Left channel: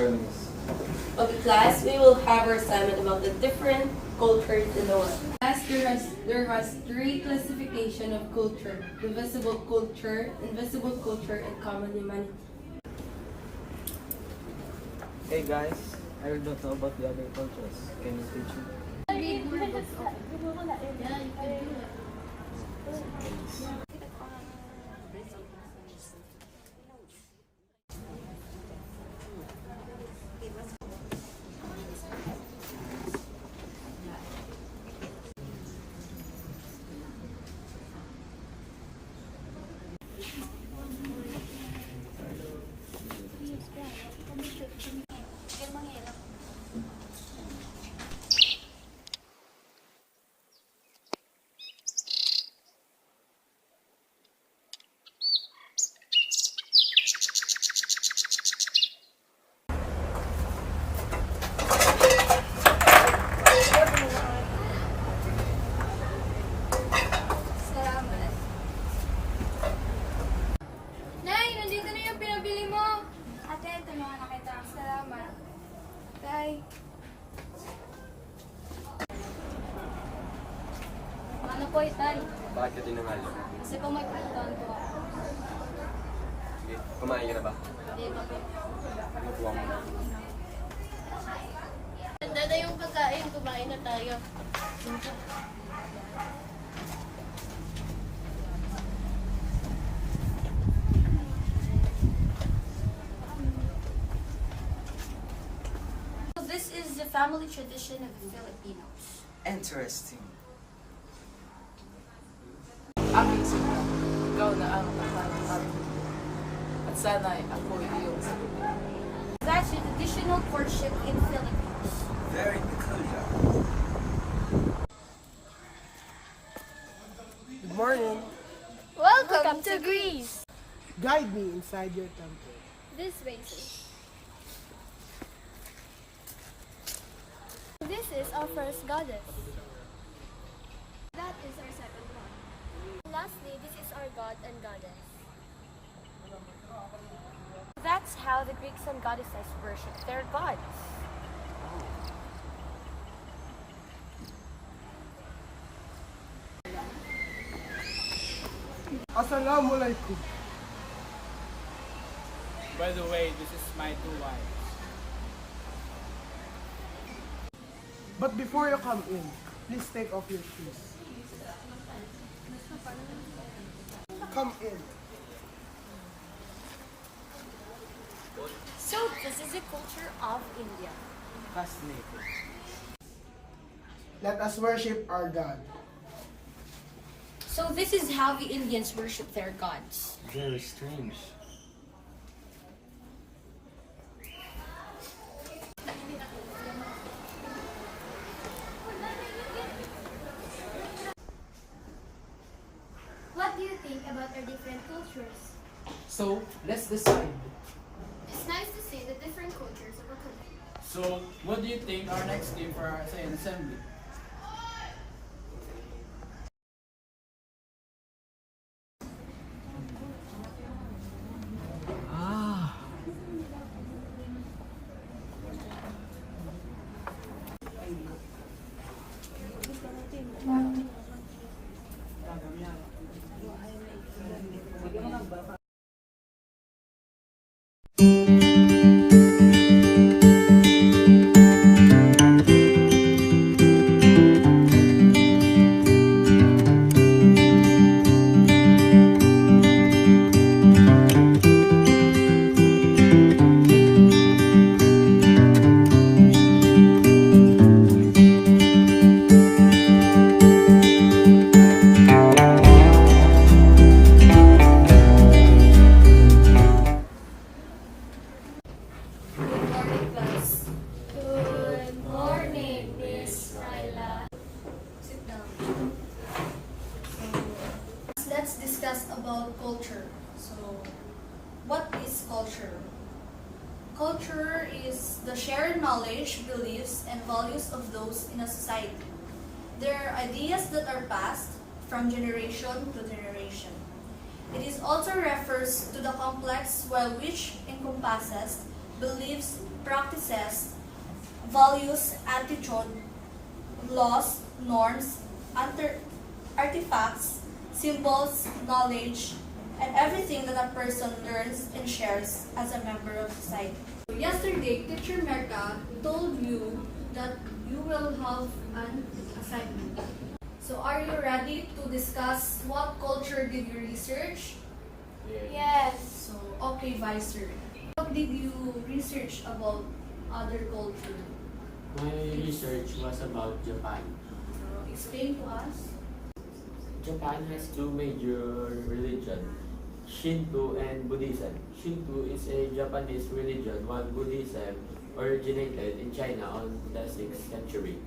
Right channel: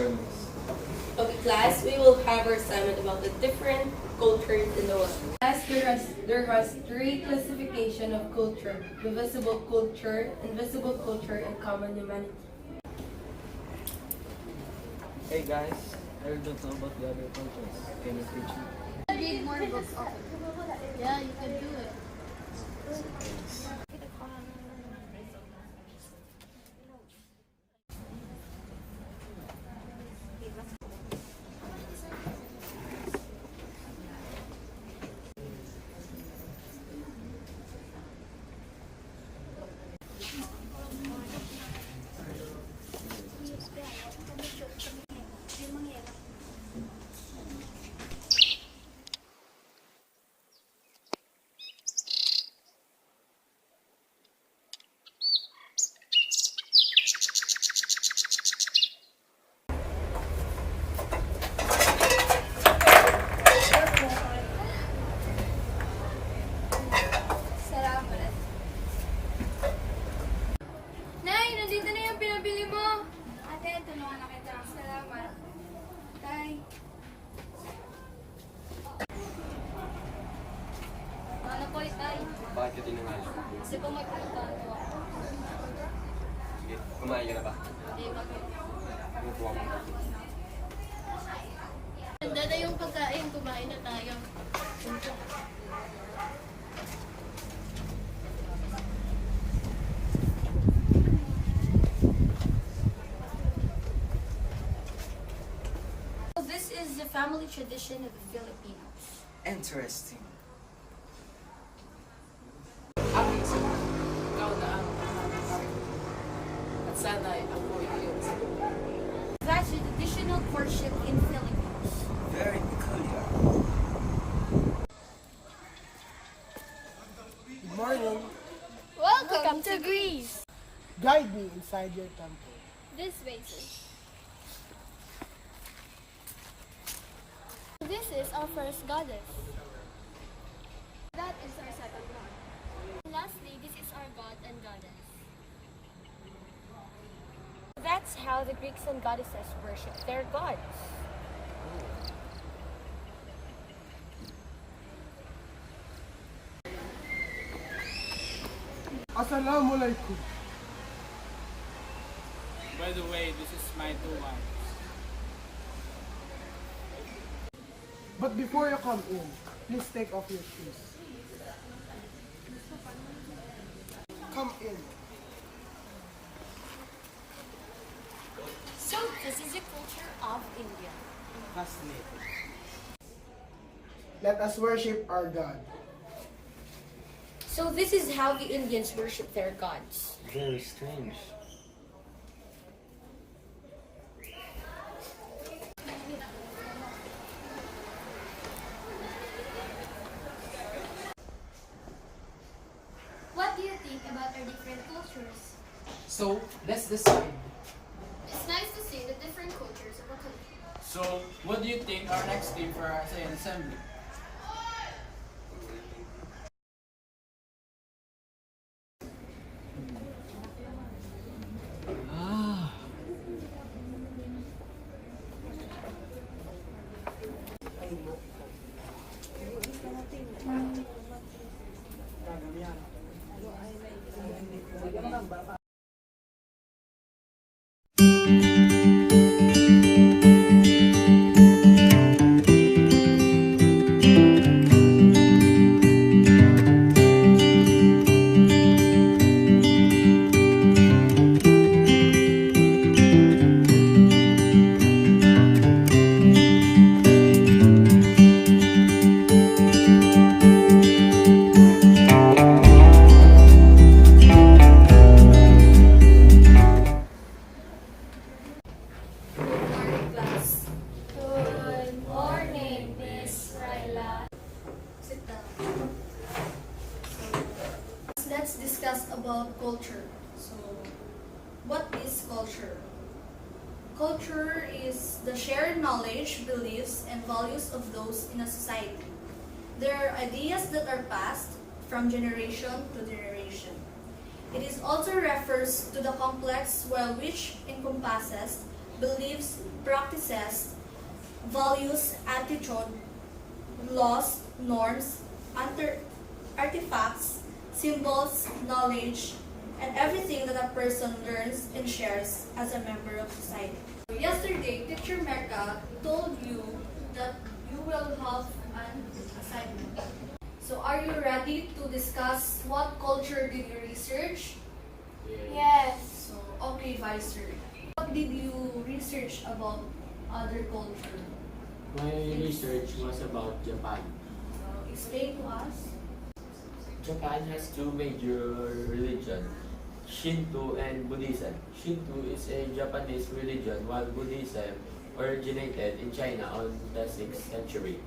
learnings. Of the class, we will have our assignment about the different cultures in the world. As there has three classification of culture: invisible culture, and common humanity. Hey guys, I don't know about the other cultures. Can you teach me? Read more books of it. Yeah, you can do it. Salamat. Nay, nandito na yung pinabili mo. Ate, tulungan na kita. Salamat. Tay. Ano po, Tay? Bakit ka tinangal? Kasi po magkakaroon ko. Sige, kumain ka na ba? Hindi pa po. Yung kuha mo na. Handa na yung pagkain, kumain na tayo. This is the family tradition of the Filipinos. Interesting. Aking sila, ikaw na ang nakakapag. At sana'y ako iyong That's the traditional courtship in Philippines. Very good. Good morning. Welcome to Greece. Guide me inside your temple. This way, sir. This is our first goddess. That is our second god. Lastly, this is our god and goddess. That's how the Greeks and goddesses worship their gods. Assalamualaikum. By the way, this is my two wives. But before you come in, please take off your shoes. Come in. So, this is the culture of India. Fascinating. Let us worship our God. So, this is how the Indians worship their gods. Very strange. What do you think about our different cultures? So, let's decide. It's nice to see the different cultures of a country. So, what do you think our next theme for our RCI assembly? Let's discuss about culture. So, what is culture? Culture is the shared knowledge, beliefs, and values of those in a society. They are ideas that are passed from generation to generation. It is also refers to the complex while which encompasses beliefs, possess values, attitude, laws, norms, artifacts, symbols, knowledge, and everything that a person learns and shares as a member of society. Yesterday, Teacher Mecca told you that you will have an assignment. So are you ready to discuss what culture did you research? Yes. So, okay, Vicer. What did you research about other culture? My research was about Japan. Explain to us. Japan has two major religions, Shinto and Buddhism. Shinto is a Japanese religion, while Buddhism originated in China on the 6th century.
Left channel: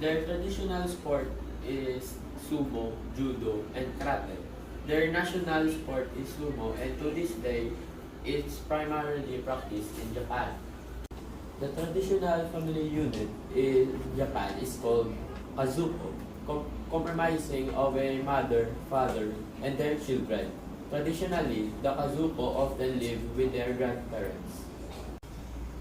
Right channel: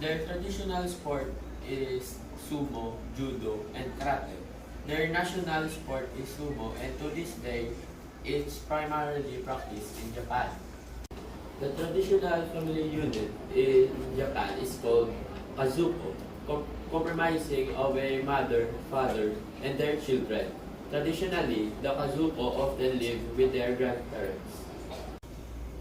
Their traditional sport is sumo, judo, and karate. Their national sport is sumo, and to this day, it's primarily practiced in Japan. The traditional family unit in Japan is called kazuko, comprising of a mother, father, and their children. Traditionally, the kazuko often live with their grandparents.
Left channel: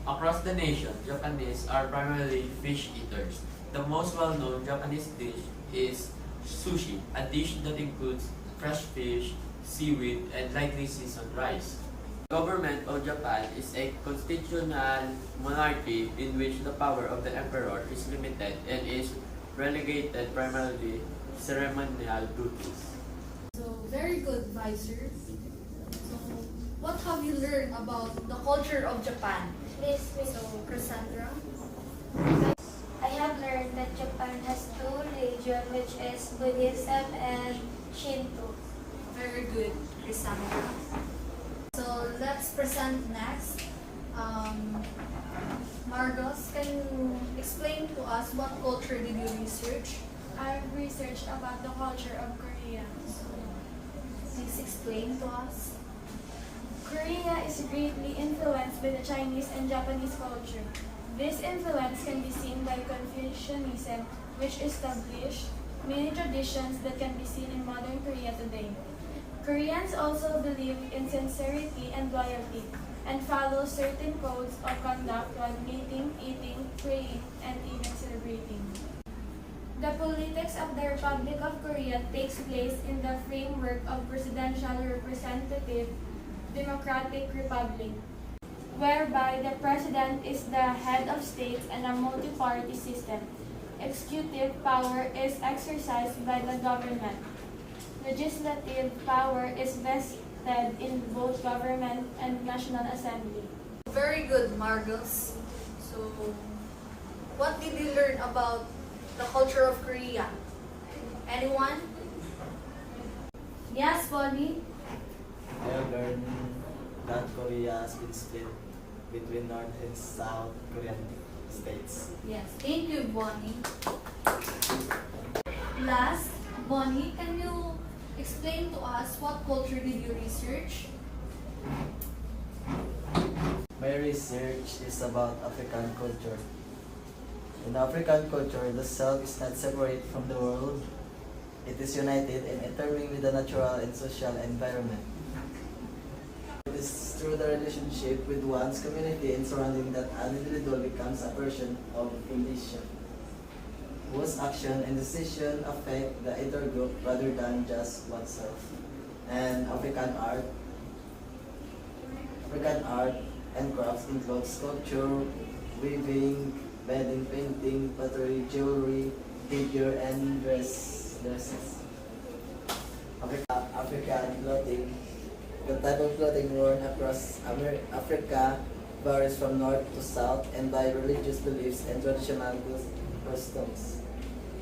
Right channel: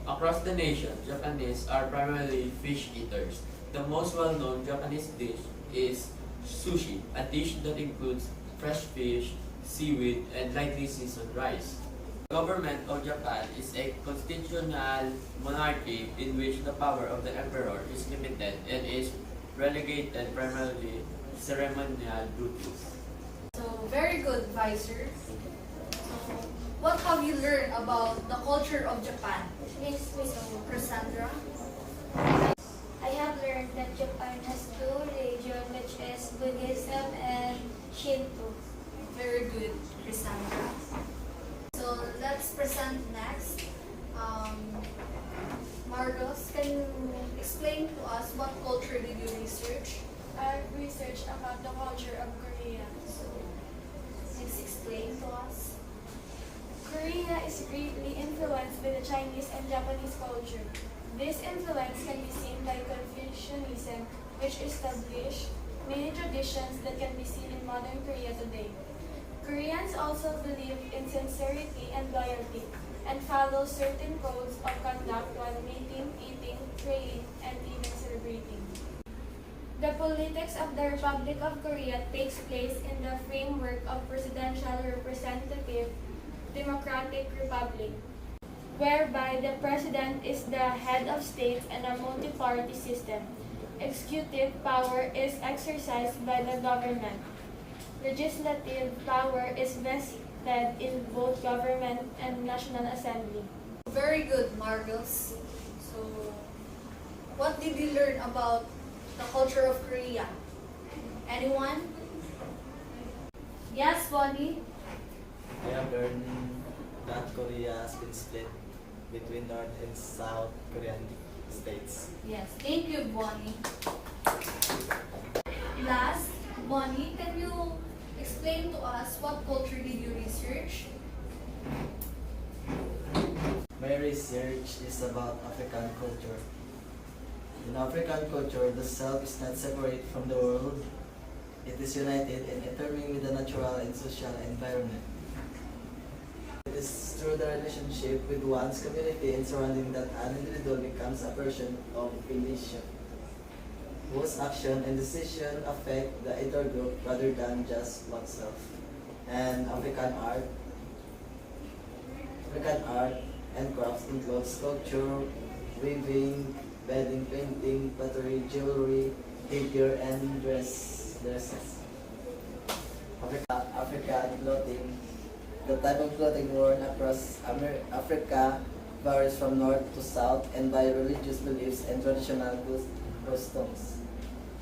Across the nation, Japanese are primarily fish eaters. The most well-known Japanese dish is sushi, a dish that includes fresh fish, seaweed, and lightly seasoned rice. The government of Japan is a constitutional monarchy in which the power of the emperor is limited and is relegated primarily to ceremonial duties. So, very good, Vicer. What have you learned about the culture of Japan? So, Cassandra? I have learned that Japan has two religions, which is Buddhism and Shinto. Very good, Cassandra. So, let's present next. Margos, can you explain to us what culture did you research? I researched about the culture of Korea. So, please explain to us. Korea is greatly influenced by the Chinese and Japanese culture. This influence can be seen by Confucianism, which established many traditions that can be seen in modern Korea today. Koreans also believe in sincerity and loyalty, and follow certain codes of conduct while mating, eating, praying, and even celebrating. The politics of the Republic of Korea takes place in the framework of presidential representative democratic republic, whereby the president is the head of state and a multi-party system. Executive power is exercised by the government. Legislative power is vested in both government and National Assembly. Very good, Margos. So, what did you learn about the culture of Korea? Anyone? Yes, Bonnie? I have learned that Korea has been split between North and South Korean states. Yes, thank you, Bonnie. Last, Bonnie, can you explain to us what culture did you research? My research is about African culture. In African culture, the self is not separate from the world. It is united and intertwined with the natural and social environment. It is through the relationship with one's community and surrounding that an individual becomes a person of a nation, whose action and decision affect the entire group rather than just oneself. And African art and crafts include sculpture, weaving, beading, painting, pottery, jewelry, figure, and dresses. African clothing. The type of clothing worn across Africa varies from north to south and by religious beliefs and traditional customs.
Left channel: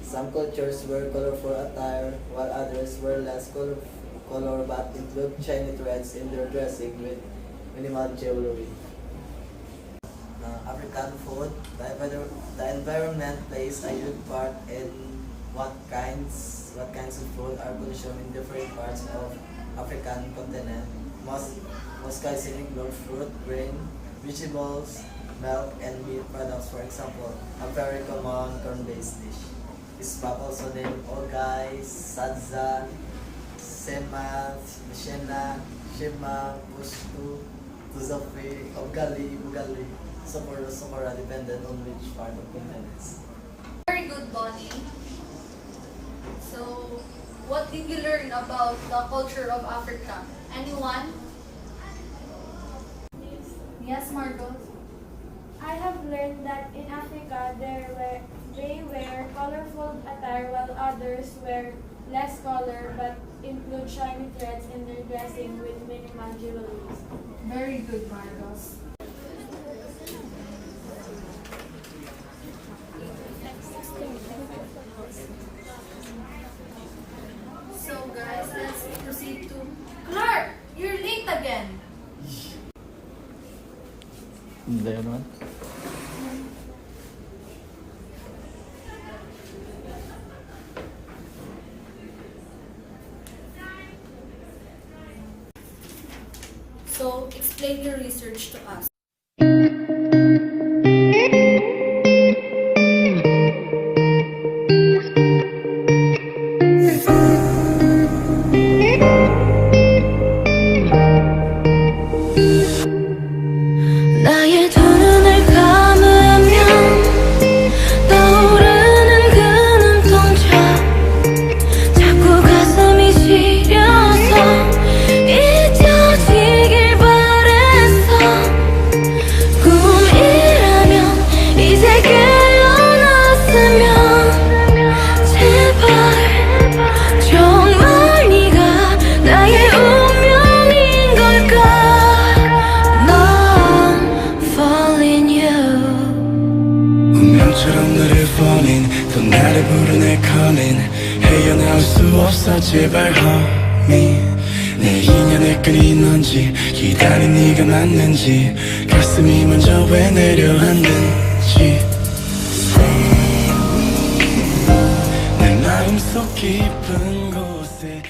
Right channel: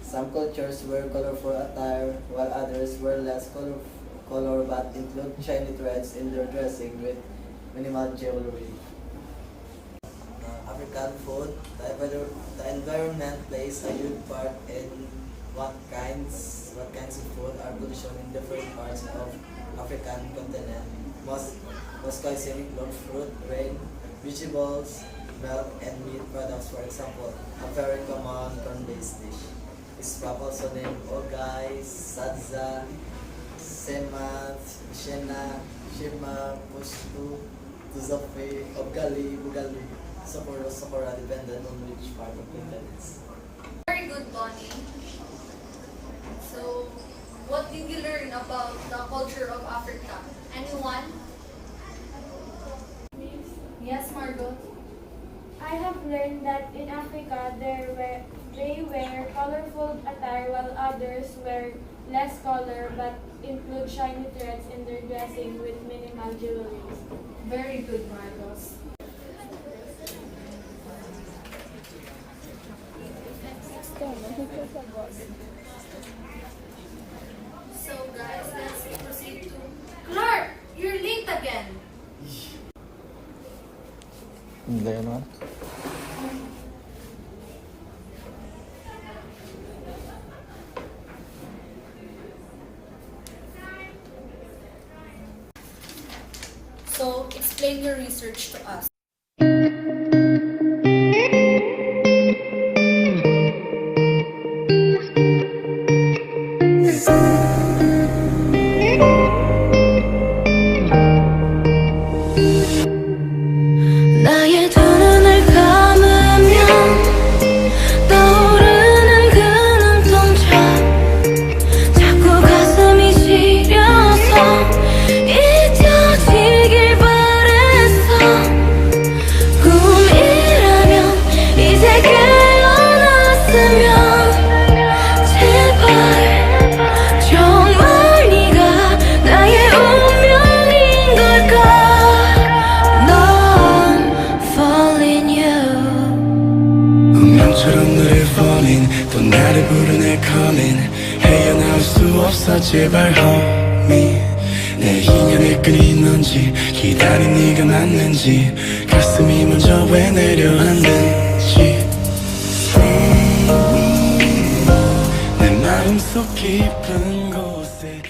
Some cultures wear colorful attire, while others wear less color but include shiny threads in their dressing with minimal jewelry. African food. The environment plays a huge part in what kinds of food are consumed in different parts of African continent. Most kinds include fruit, grain, vegetables, milk, and meat products. For example, a very common corn-based dish is also named ogay, sadza, sema, shena, shima, pushtu, tuzafi, ugali. super dependent on which part of maintenance. Very good, Bonnie. So, what did you learn about the culture of Africa? Anyone? Yes, Margot. I have learned that in Africa they wear colorful attire while others wear less color but include shiny threads in their dressing with minimal jewelry. Very good, Marcos. So, guys, let's proceed to Clark. You're late again. There no? So, explain your research to us. 나의 두 눈을 감으면 떠오르는 그 눈동자 자꾸 가슴이 시려서 잊혀지길 바랬어 꿈이라면 이제 깨어났으면 제발 정말 네가 나의 운명인 걸까 운명처럼 너를 falling 또 나를 부르네 calling 헤어나올 수 없어 제발 homie 내 인연을 끊인 건지 기다린 네가 맞는지 가슴이 먼저 왜 내려앉는지 내 마음속 깊은 곳에